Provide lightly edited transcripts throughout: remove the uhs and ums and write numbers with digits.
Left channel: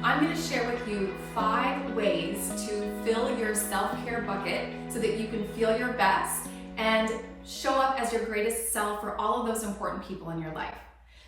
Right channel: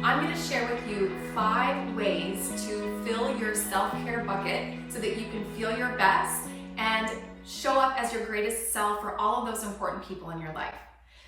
I'm going to share with you 5 ways to fill your self-care bucket so that you can feel your best and show up as your greatest self for all of those important people in your life.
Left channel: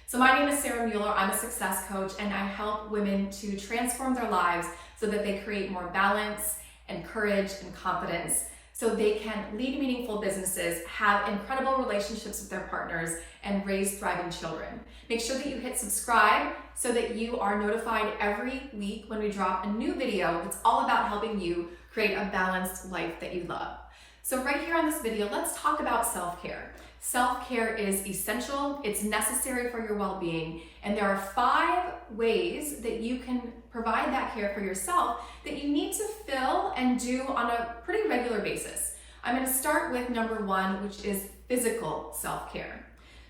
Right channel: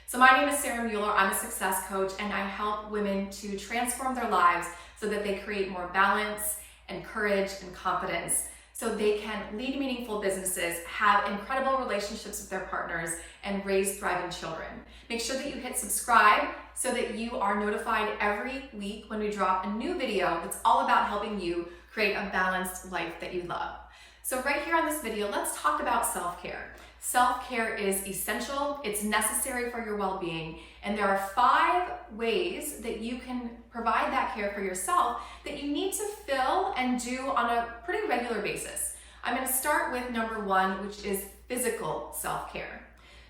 So my name is Sarah Mueller. I'm a success coach and I help women to transform their lives so that they create more balance and courage and confidence so they can lead meaningful businesses, have incredible relationships with their partners, and raise thriving children. Make sure that you hit subscribe so that you are notified every week when we drop a new video that's all about helping you create a balanced life that you love. So right here on this video, let's talk about self-care. Self-care is essential, it's necessary for your well-being, and there are 5 ways that you can provide that care for yourself that you need to fill and do on a pretty regular basis. I'm going to start with number 1, which is physical self-care.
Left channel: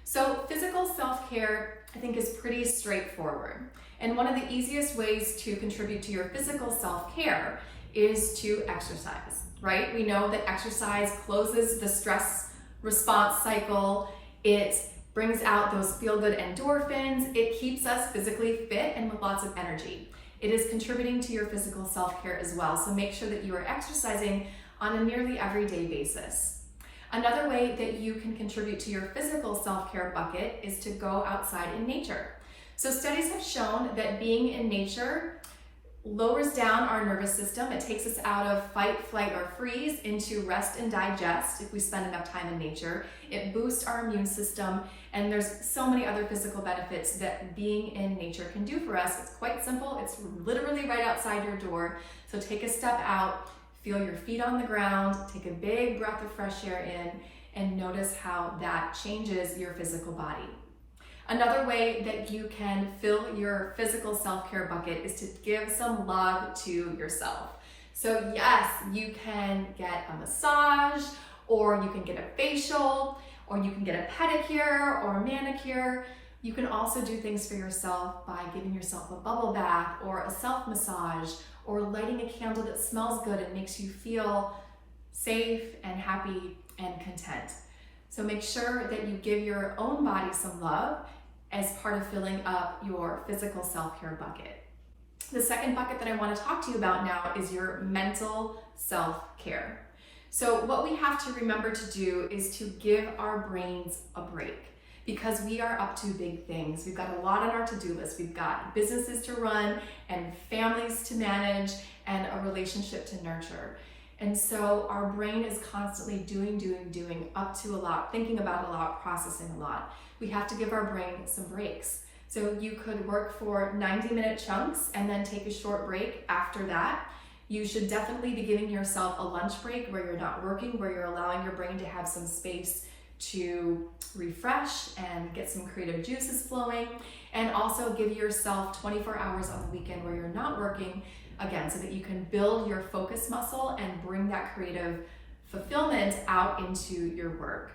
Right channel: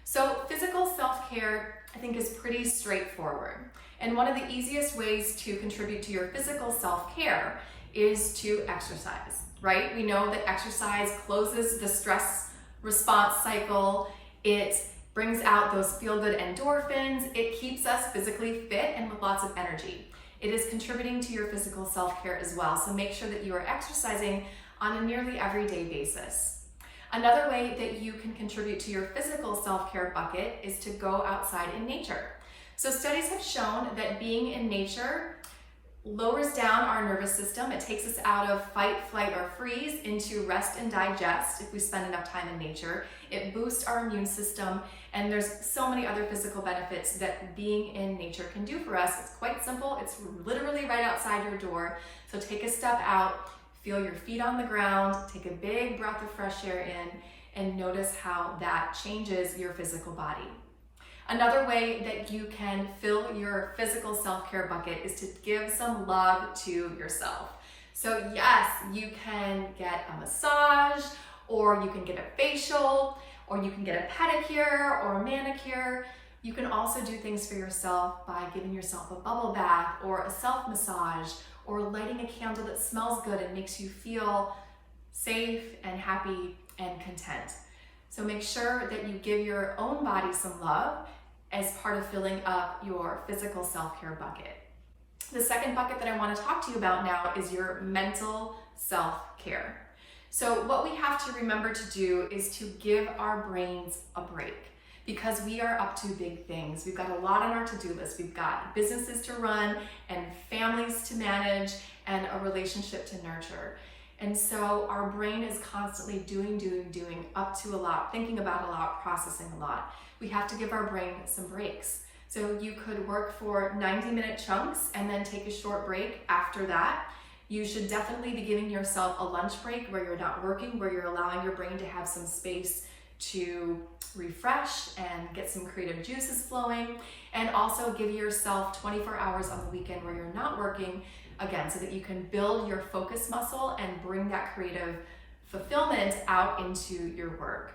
So physical self-care, I think, is pretty straightforward. And one of the easiest ways to contribute to your physical self-care is to exercise, right? We know that exercise closes the stress response cycle. It brings out those feel-good endorphins. It keeps us physically fit and with lots of energy. It is contributing to your physical self-care as well. So make sure that you are exercising on a nearly everyday basis. Another way that you can contribute to your physical self-care bucket is to go outside in nature. So studies have shown that being in nature lowers down our nervous system. It takes us out of fight, flight, or freeze into rest and digest if we spend enough time in nature. It boosts our immune system, and there's so many other physical benefits that being in nature can do for us. It's quite simple. It's literally right outside your door. So take a step out, feel your feet on the ground, take a big breath of fresh air in, and notice how that changes your physical body. Another way that you can fill your physical self-care bucket is to give some love to yourself. So yes, you can get a massage, or you can get a facial, or you can get a pedicure or a manicure. You can also do things for yourself by giving yourself a bubble bath or a self-massage, or lighting a candle that smells good and makes you feel safe and happy and content. So make sure that you give your own body some love as part of filling up your physical self-care bucket. The second bucket that I want to talk to you about now is your mental self-care. So what we have to remember to do is to give our brains a break, because we are up to big things. We've got a lot on our to-do list. We've got businesses to run and families to manage and a relationship to nurture. And so our brain is constantly doing, up to a lot, thinking about a lot, processing a lot. We have to give our brain some breaks. So you could work for 90-minute chunks and then take a short break after that. You should definitely be giving yourself a lunch break where you're not working, where you're allowing your brain to have some space to refresh and get some creative juices flowing. And also give yourself 24 hours on the weekend where you're not working, again, so that you can build your focus muscle and bring that creative fulfillment out into your work.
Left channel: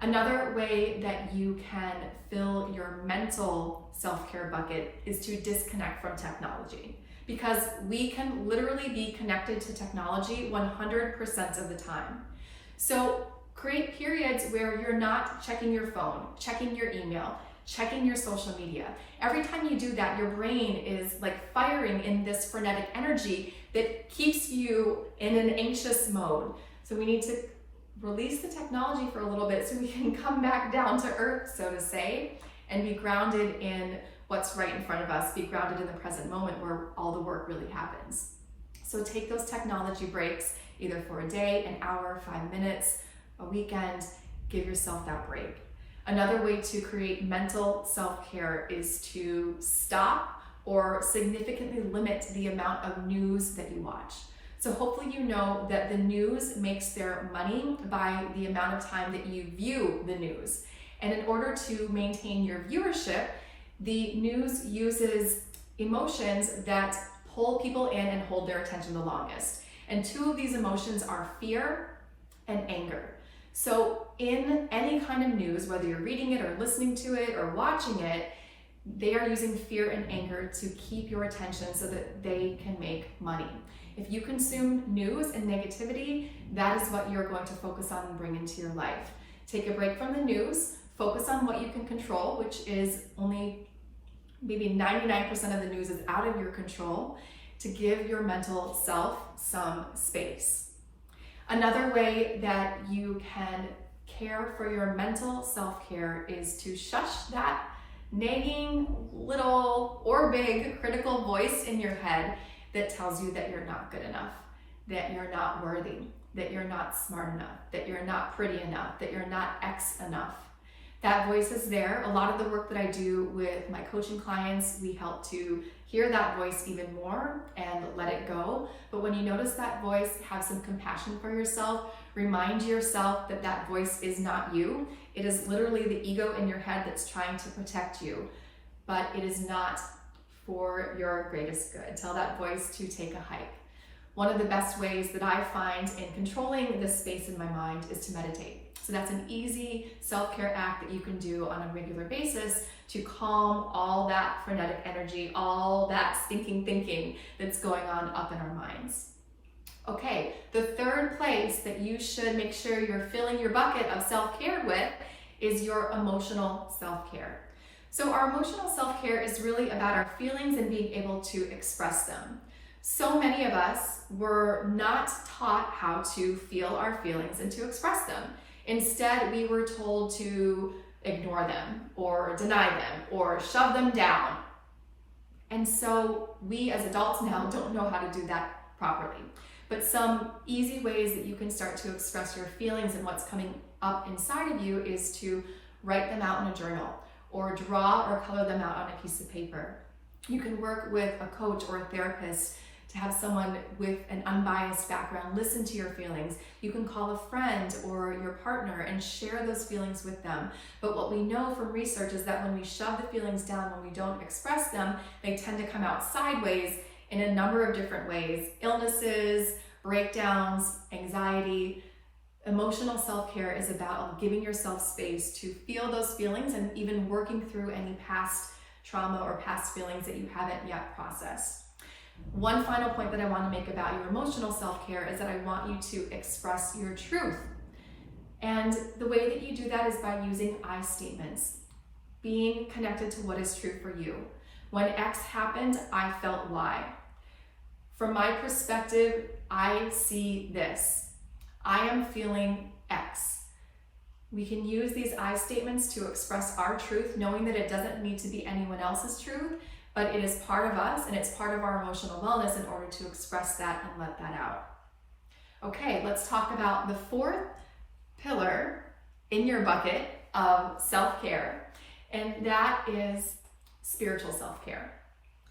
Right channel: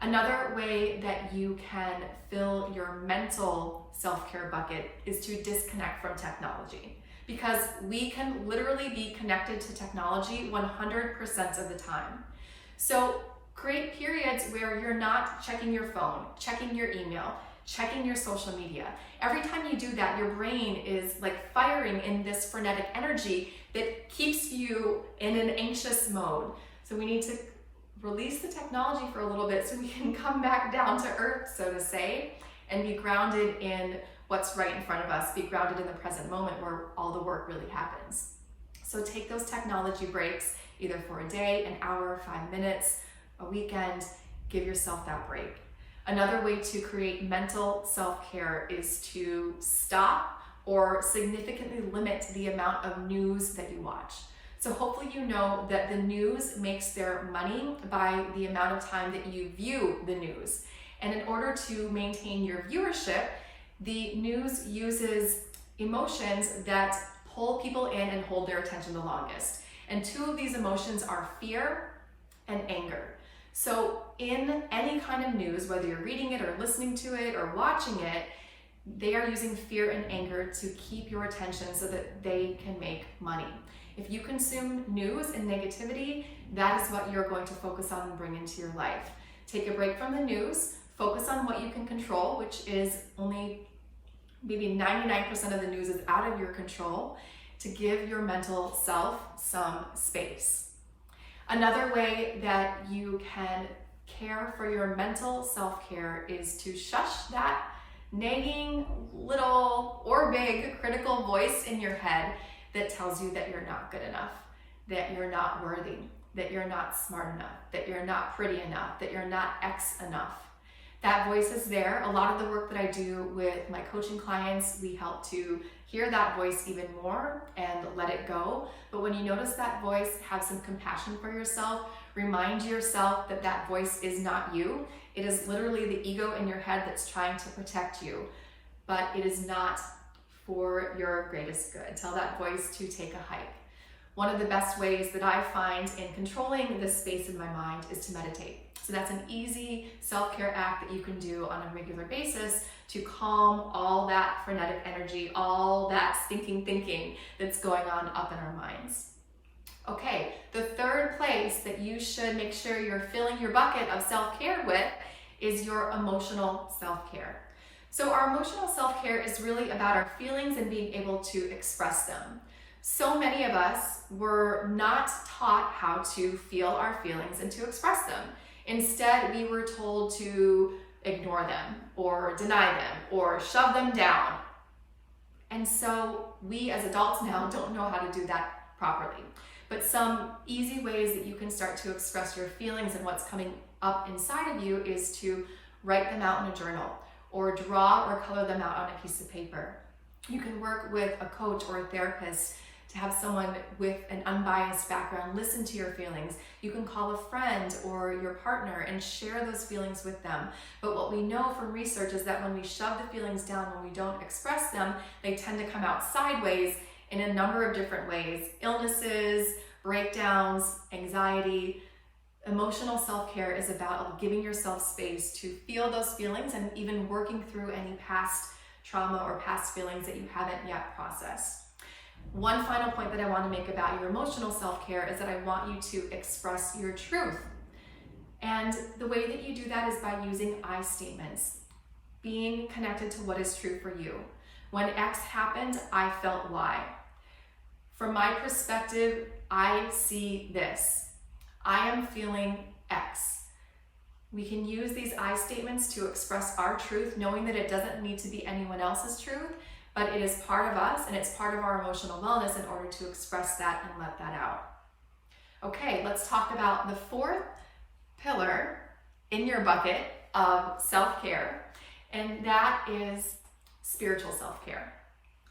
Another way that you can fill your mental self-care bucket is to disconnect from technology, because we can literally be connected to technology 100% of the time. So create periods where you're not checking your phone, checking your email, checking your social media. Every time you do that, your brain is like firing in this frenetic energy that keeps you in an anxious mode. So we need to release the technology for a little bit so we can come back down to earth, so to say, and be grounded in what's right in front of us, be grounded in the present moment where all the work really happens. So take those technology breaks, either for a day, an hour, 5 minutes, a weekend. Give yourself that break. Another way to create mental self-care is to stop or significantly limit the amount of news that you watch. So hopefully you know that the news makes their money by the amount of time that you view the news. And in order to maintain your viewership, the news uses emotions that pull people in and hold their attention the longest. And 2 of these emotions are fear and anger. So in any kind of news, whether you're reading it or listening to it or watching it, they are using fear and anger to keep your attention so that they can make money. If you consume news and negativity, that is what you're going to focus on and bring into your life. Take a break from the news, focus on what you can control, which is only maybe 99% of the news is out of your control, to give your mental self some space. Another way that you can care for your mental self-care is to shush that nagging little or big critical voice in your head that tells you that you're not good enough, that you're not worthy, that you're not smart enough, that you're not pretty enough, that you're not X enough. That voice is there. A lot of the work that I do with my coaching clients, we help to hear that voice even more and let it go. But when you notice that voice, have some compassion for yourself. Remind yourself that that voice is not you. It is literally the ego in your head that's trying to protect you, but it is not for your greatest good. Tell that voice to take a hike. One of the best ways that I find in controlling this space in my mind is to meditate. So that's an easy self-care act that you can do on a regular basis to calm all that frenetic energy, all that stinking thinking that's going on up in our minds. Okay, the third place that you should make sure you're filling your bucket of self-care with is your emotional self-care. So our emotional self-care is really about our feelings and being able to express them. So many of us were not taught how to feel our feelings and to express them. Instead, we were told to ignore them or deny them or shove them down. And so we as adults now don't know how to do that properly. But some easy ways that you can start to express your feelings and what's coming up inside of you is to write them out in a journal or draw or color them out on a piece of paper. You can work with a coach or a therapist to have someone with an unbiased background listen to your feelings. You can call a friend or your partner and share those feelings with them. But what we know from research is that when we shove the feelings down, when we don't express them, they tend to come out sideways in a number of different ways. Illnesses, breakdowns, anxiety. Emotional self-care is about giving yourself space to feel those feelings and even working through any past trauma or past feelings that you haven't yet processed. One final point that I want to make about your emotional self-care is that I want you to express your truth. And the way that you do that is by using I statements, being connected to what is true for you. When X happened, I felt Y. From my perspective, I see this. I am feeling X. We can use these I statements to express our truth, knowing that it doesn't need to be anyone else's truth, but it is part of us and it's part of our emotional wellness in order to express that and let that out. Okay, let's talk about the fourth pillar in your bucket of self-care, and that is spiritual self-care.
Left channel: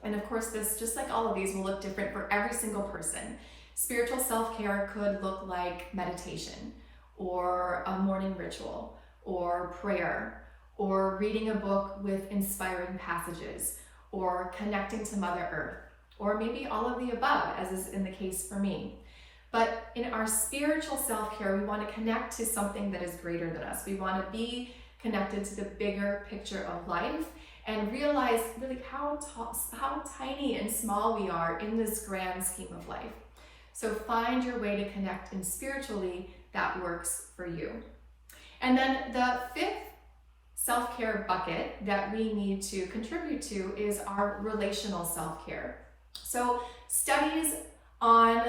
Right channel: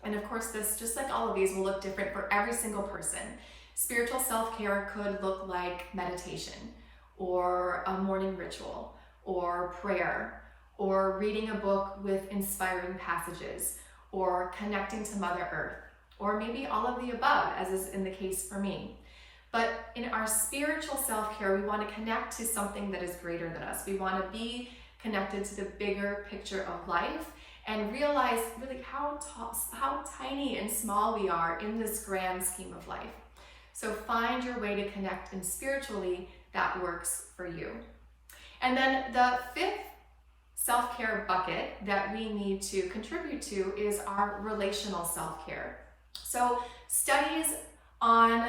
And of course, this, just like all of these, will look different for every single person. Spiritual self-care could look like meditation, or a morning ritual, or prayer, or reading a book with inspiring passages, or connecting to Mother Earth, or maybe all of the above, as is in the case for me. But in our spiritual self-care, we want to connect to something that is greater than us. We want to be connected to the bigger picture of life and realize really how tiny and small we are in this grand scheme of life. So find your way to connect in spiritually that works for you. And then the fifth self-care bucket that we need to contribute to is our relational self-care. So studies on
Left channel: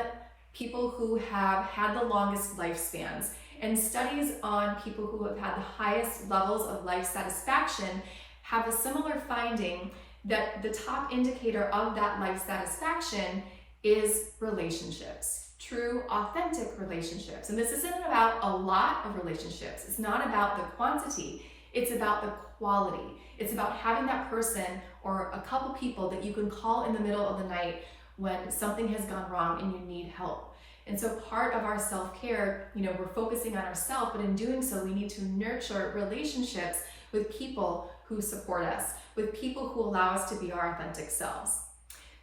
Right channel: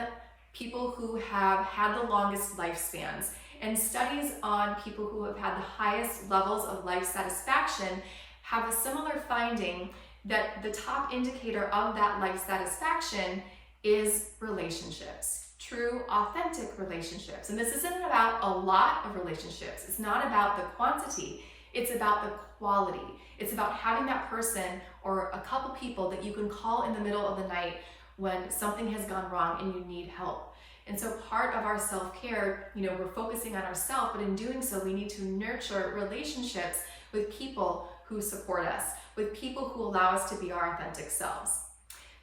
people who have had the longest lifespans and studies on people who have had the highest levels of life satisfaction have a similar finding that the top indicator of that life satisfaction is relationships, true, authentic relationships. And this isn't about a lot of relationships. It's not about the quantity. It's about the quality. It's about having that person or a couple people that you can call in the middle of the night when something has gone wrong and you need help. And so part of our self-care, we're focusing on ourselves, but in doing so, we need to nurture relationships with people who support us, with people who allow us to be our authentic selves.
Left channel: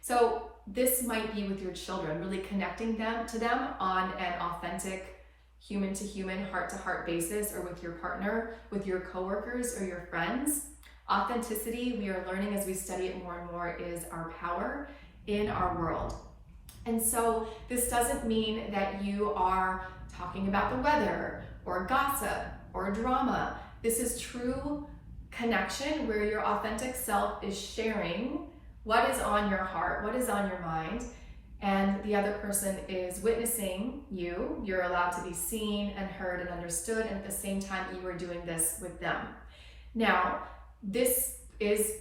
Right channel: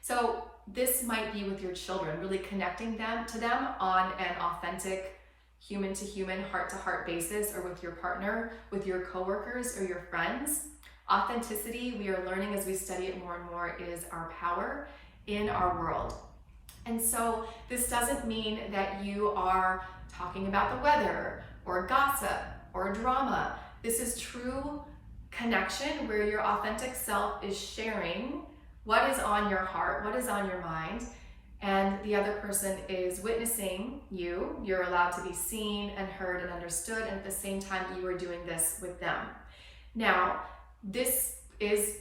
So this might be with your children, really connecting to them on an authentic human-to-human, heart-to-heart basis, or with your partner, with your coworkers or your friends. Authenticity, we are learning as we study it more and more, is our power in our world. And so this doesn't mean that you are talking about the weather or gossip or drama. This is true connection where your authentic self is sharing what is on your heart, what is on your mind, and the other person is witnessing you. You're allowed to be seen and heard and understood, and at the same time you are doing this with them. Now, this is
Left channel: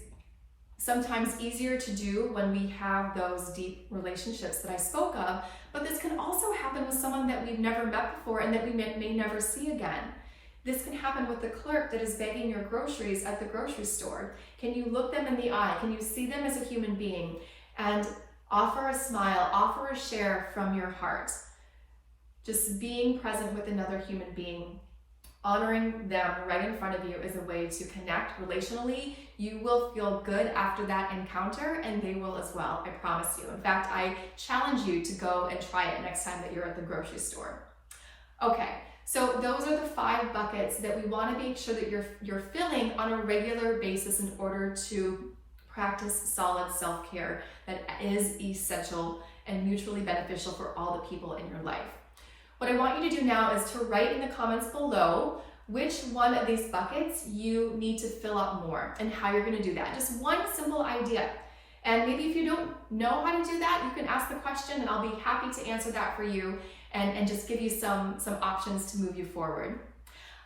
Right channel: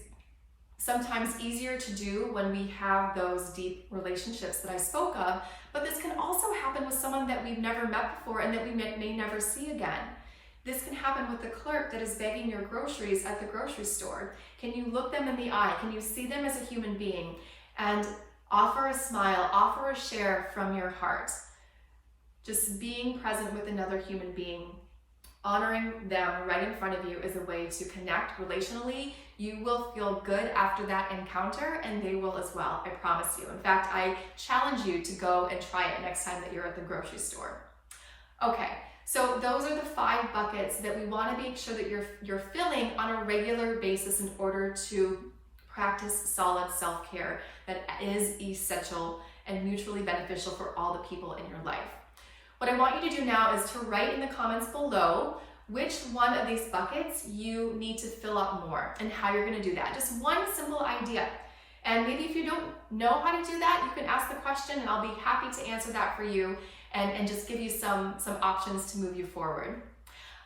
sometimes easier to do when we have those deep relationships that I spoke of, but this can also happen with someone that we've never met before and that we may never see again. This can happen with the clerk that is bagging your groceries at the grocery store. Can you look them in the eye? Can you see them as a human being and offer a smile, offer a share from your heart? Just being present with another human being, honoring them right in front of you is a way to connect relationally. You will feel good after that encounter, and they will as well, I promise you. In fact, I challenge you to go and try it next time that you're at the grocery store. Okay, so those are the 5 buckets that we want to make sure that you're filling on a regular basis in order to practice solid self-care that is essential and mutually beneficial for all the people in your life. What I want you to do now is to write in the comments below which one of these buckets you need to fill up more and how you're going to do that. Just one simple idea. And maybe if you don't know how to do that, you can ask the question and I'll be happy to answer that for you and just give you some options to move you forward.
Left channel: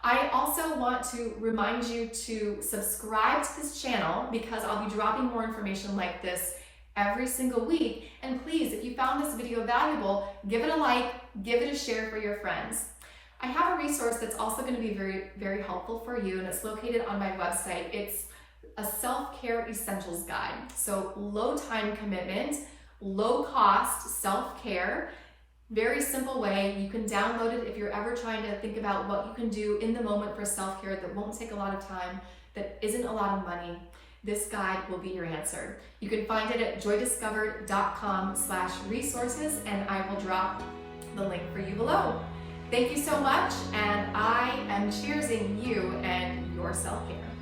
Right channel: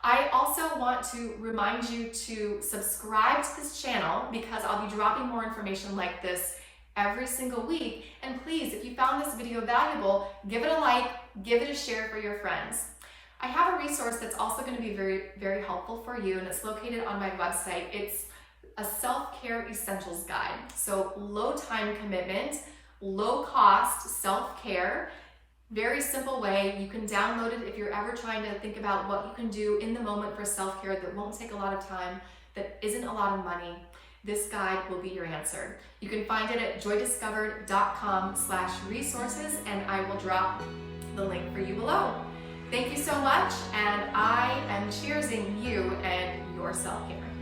I also want to remind you to subscribe to this channel because I'll be dropping more information like this every single week. And please, if you found this video valuable, give it a like, give it a share for your friends. I have a resource that's also going to be very, very helpful for you, and it's located on my website. It's a self-care essentials guide. So low time commitment, low cost self-care, very simple way. You can download it if you're ever trying to think about what you can do in the moment for self-care that won't take a lot of time, that isn't a lot of money. This guide will be your answer. You can find it at joydiscovered.com/resources, and I will drop the link for you below. Thank you so much, and I am cheersing you and your self-care.